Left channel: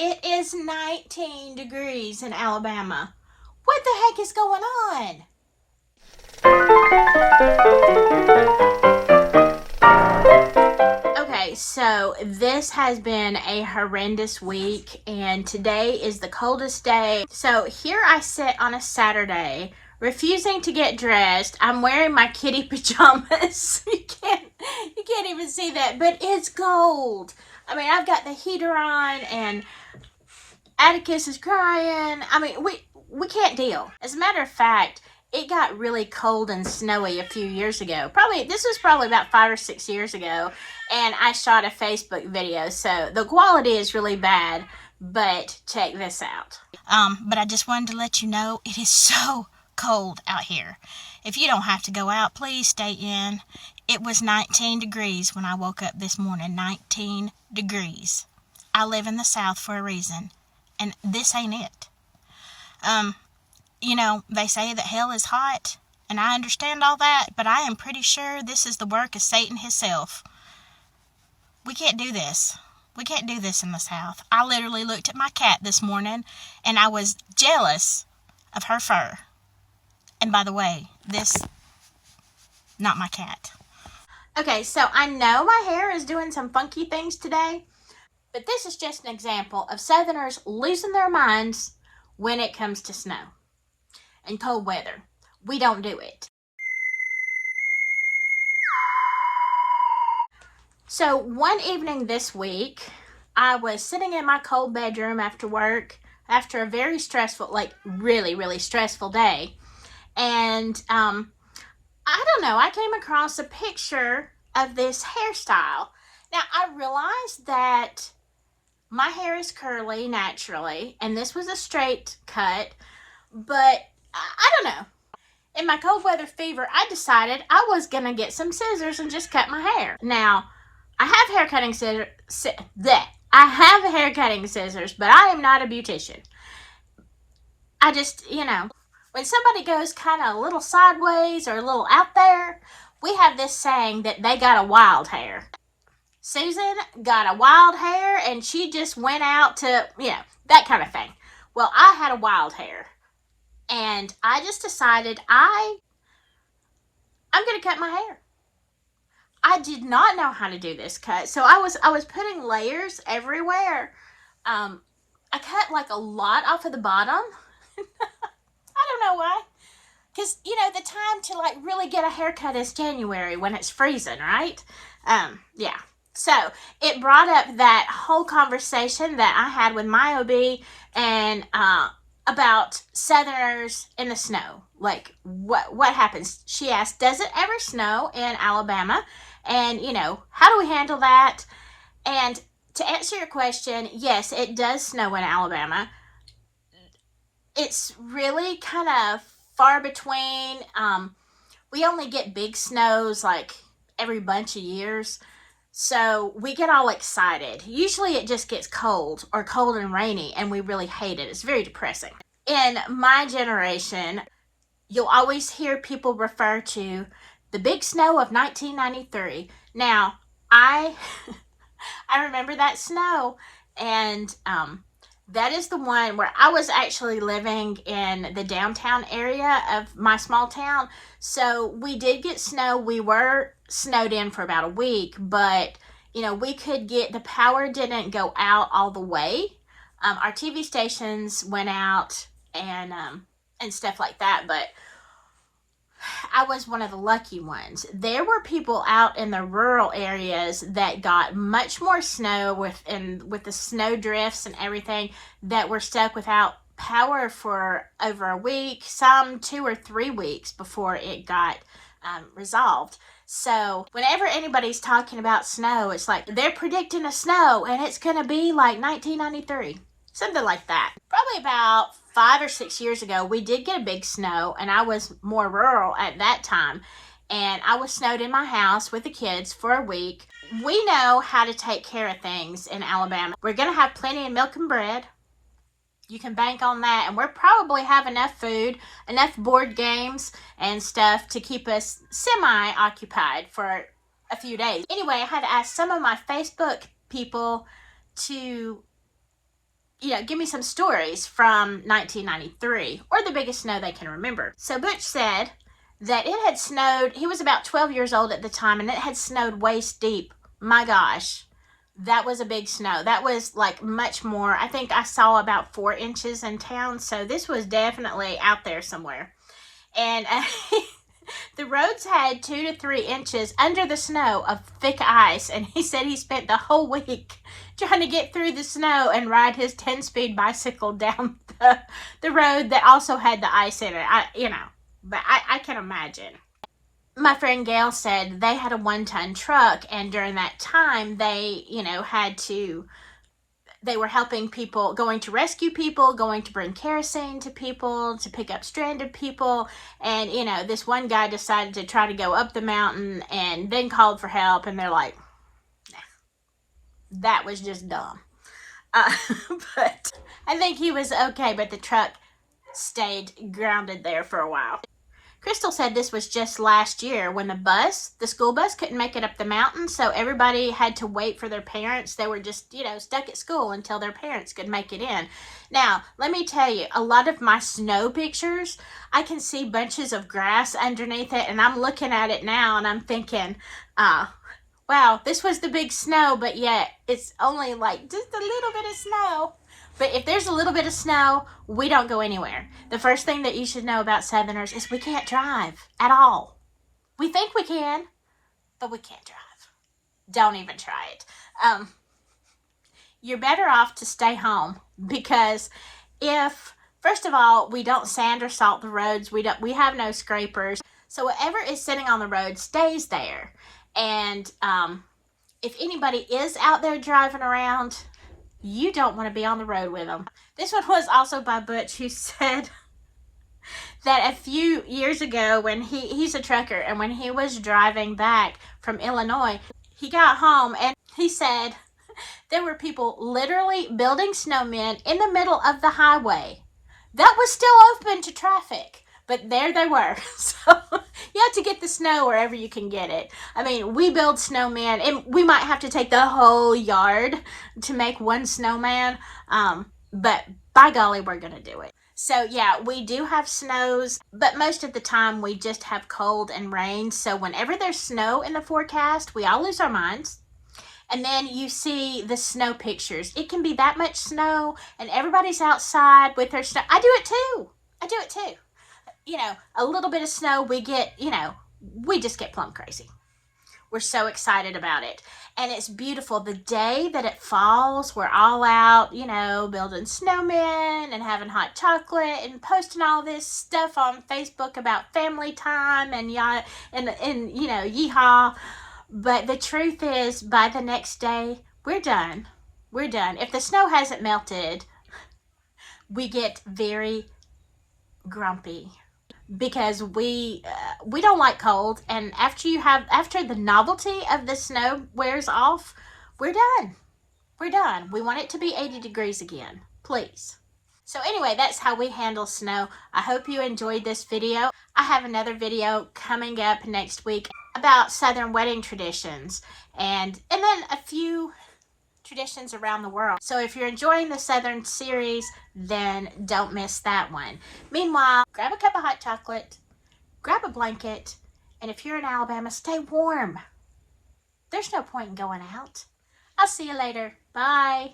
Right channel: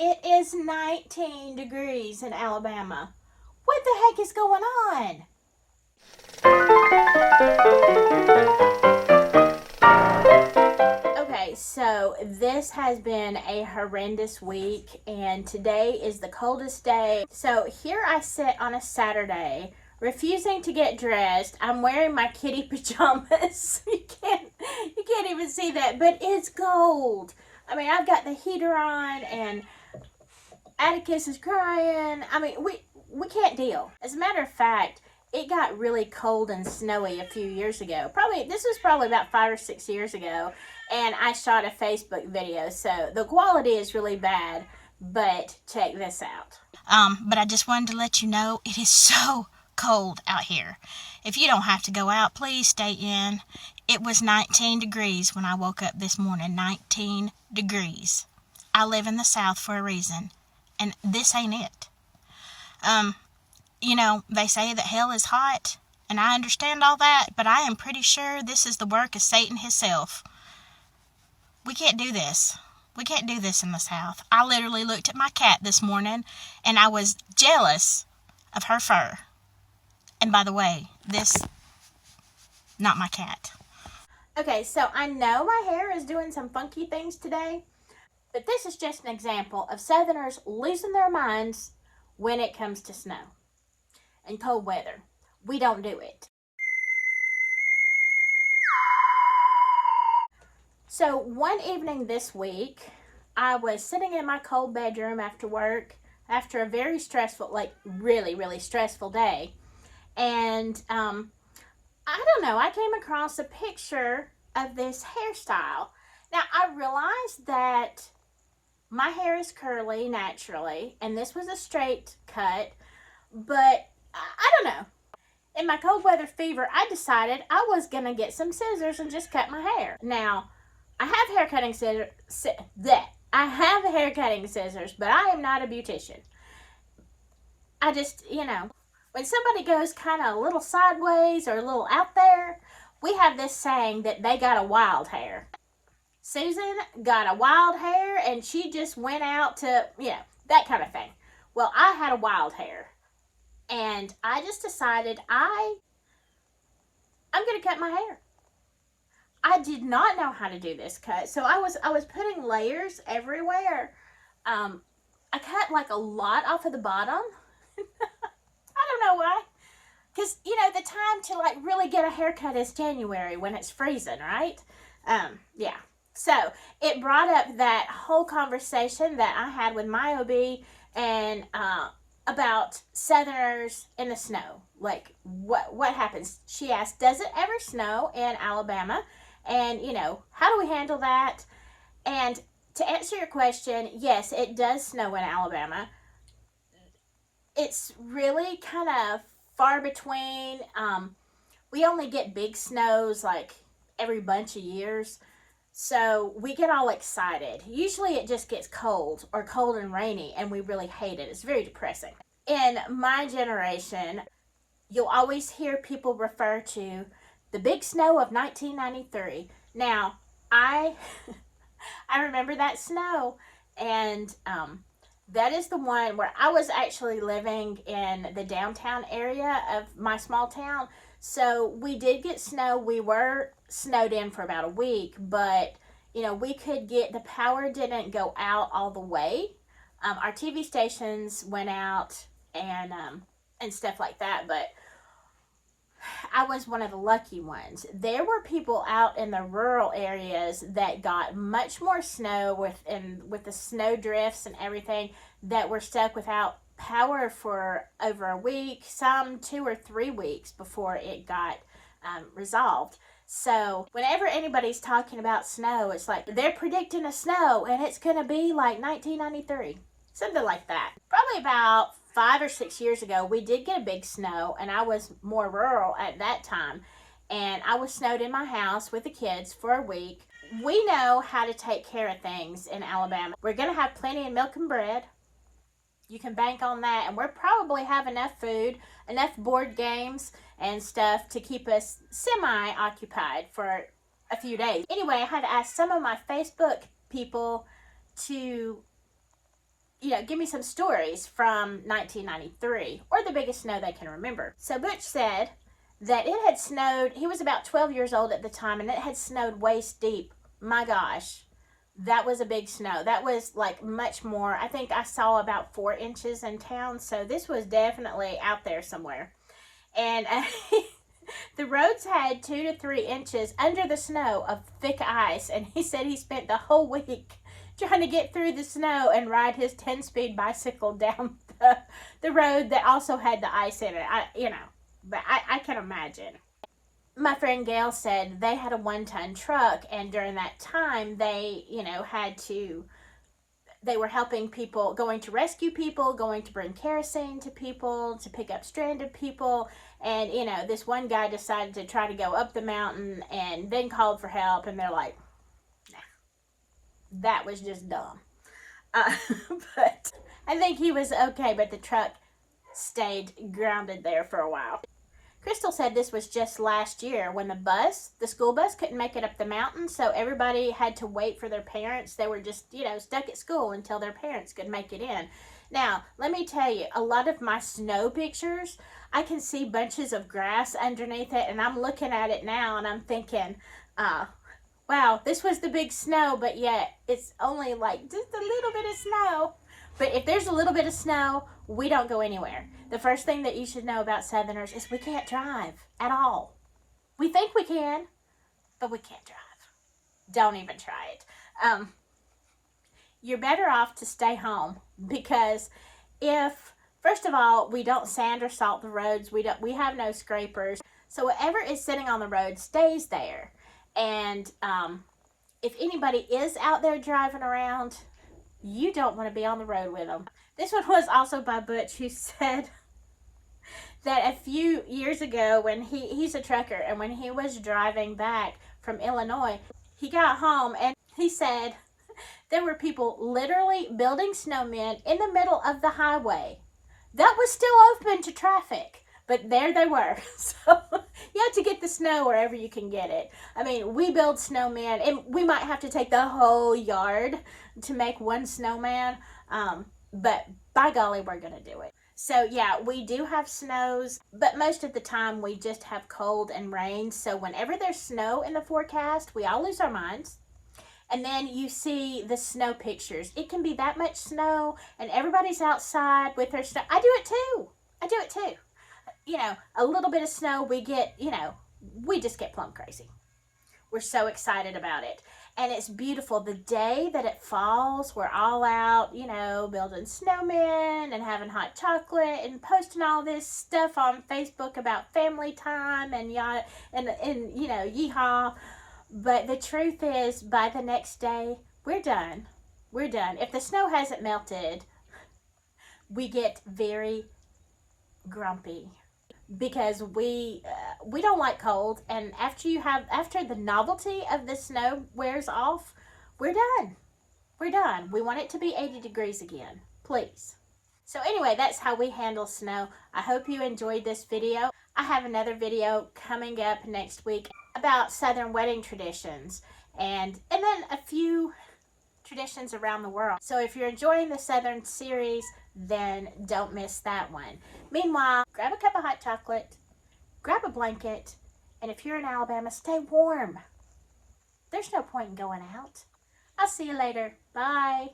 It is 19 degrees in Alabama. What the heck is going on? Okay, so this has been a horrendous week, and today is the coldest day. So here I sit on a Saturday, refusing to get dressed. I'm wearing my kitty pajamas. You can't even see that, but it's cold. I mean, I've got the heater on, and Atticus is crying. I mean, we can't deal. As a matter of fact, it got really cold and snowy a few years ago. This was probably about 5 or 6 years ago, and I shot a Facebook video, so the quality is really bad. But check this out. But I just wanted to let you know it is so cold out here. If you don't have to go out, please stay in. It was 19 degrees when I woke up this morning. 19 degrees. I live in the South for a reason, and this ain't it. They say that hell is hot, and I understand all that, but I am pretty sure this is the work of Satan himself. We can't do this. We can't do this in the South. I literally looked at my cat this morning, and I was jealous of her fur. And by the way, not my cat. Okay, so I know my hair is doing some funky things today, but this is just an example of Southerners losing their minds when it comes to snow and cold weather. We don't do it. So one evening this week, I was sitting in my cold bedroom after work, after a very stressful, really, really stressful day. And I don't know, I came across a picture of this hairstyle. Now, I realized that my hair is curly naturally, and this was a straight cut, but I don't know. In my cold weather fever, I decided I was going to get some scissors and just cut my hair. Now, I have hair cutting scissors. I have hair cutting scissors, but I am not a beautician. I just, when somebody goes kind of a little sideways or a little out there, we have this saying that they got a wild hair. Susan got a wild hair, and she just went out to, that kind of thing. Well, I had a wild hair, and I just decided I'm going to cut my hair. I did not know how to do this cut, so I was putting layers everywhere. I cut a lot off of the bottom. I don't know why. Because, the time to really get a haircut is January when it's freezing, right? Yeah. So it brought up that whole conversation that I had with my OB and about Southerners in the snow. What happens? She asked, does it ever snow in Alabama? And, how do we handle that? And to answer your question, yes, it does snow in Alabama. It's really kind of far between. We only get big snows every bunch of years. So we get all excited. Usually it just gets cold and rainy, and we really hate it. It's very depressing. In my generation, you'll always hear people refer to the big snow of 1993. Now, I remember that snow, and that is the one where I was actually living in the downtown area of my small town. So we did get snow. We were snowed in for about a week, but we could the power didn't go out all the way. Our TV stations went out and stuff like that, but I was one of the lucky ones. There were people out in the rural areas that got much more snow with the snow drifts and everything, that were stuck without power for over a week, some 2 or 3 weeks before it got resolved. So whenever anybody's talking about snow, it's like they're predicting a snow and it's going to be like 1993. Something like that. Probably about 5 or 6 years ago, we did get a big snow, and I was more rural at that time. And I was snowed in my house with the kids for a week. We know how to take care of things in Alabama. We're going to have plenty of milk and bread. You can bank on that. And we'll probably have enough food, enough board games and stuff to keep us semi-occupied for a few days. Anyway, I had to ask some of my Facebook people to give me some stories from 1993 or the biggest snow they can remember. So Butch said that it had snowed, he was about 12 years old at the time, and it had snowed waist deep. My gosh, that was a big snow. That was like much more. I think I saw about 4 inches in town, so this was definitely out there somewhere. And the roads had 2 to 3 inches under the snow of thick ice, and he said he spent the whole week trying to get through the snow and ride his 10-speed bicycle down the road that also had the ice in it. But I can imagine. My friend Gail said they had a 1-ton truck, and during that time they, they were helping people, going to rescue people, going to bring kerosene to people, to pick up stranded people. And, this one guy decided to try to go up the mountain and then called for help. And they're like, nah, that was just dumb. But I think he was okay, but the truck stayed grounded there for a while. Crystal said this was just last year when the school bus couldn't make it up the mountain, so everybody had to wait for their parents. They were just, stuck at school until their parents could make it in. Now, let me tell you, a lot of my snow pictures, I can see bunches of grass underneath it, and I'm looking at it now and I'm thinking, wow, this was the big snow, but yet it's only like just a little bit of snow. But if there's a little bit of snow, we don't go anywhere. The first thing that you should know about Southerners is we can't drive at all. We think we can, but we can't drive. Don't even try it. You're better off to stay home, because first of all, we don't sand or salt the roads. We have no scrapers. So whatever is sitting on the road stays there. And if anybody is out there driving around, you don't want to be on the road with them. This one was also by Butch, who said that a few years ago when he's a trucker, and when he was driving back from Illinois, he got home and he said there were people literally building snowmen in the middle of the highway that was still open to traffic. But there they were. So you have to get the snow wherever you can get it. I mean, we build snowmen, and we might have to take the whole yard to make one snowman. But by golly, we're going to do it. So yeah, we do have snows, but most of the time we just have cold and rain. So whenever there's snow in the forecast, we all lose our minds. And then you see the snow pictures. It can be that much snow, and everybody's outside with their snow. I do it too. A little bit of snow, we just get plumb crazy. We're so excited about it. And it's beautiful. The day that it falls, we're all out, building snowmen and having hot chocolate and posting all this stuff on Facebook about family time and yeehaw. But the truth is, by the next day, we're done. We're done. If the snow hasn't melted, we get very grumpy, because we don't like cold, and after the novelty of the snow wears off, we're done. We want it to be 80 degrees again, please. So anyway, that's how we handle snow. I hope you enjoyed this video. I have another video coming up next week about Southern wedding traditions, and then a few traditions around the world. So if you're enjoying the Southern series, then don't miss that one. Meanwhile, grab a cup of hot chocolate, grab a blanket, and if you're in Alabama, stay warm. There's no point in going out. I'll see you later. Bye.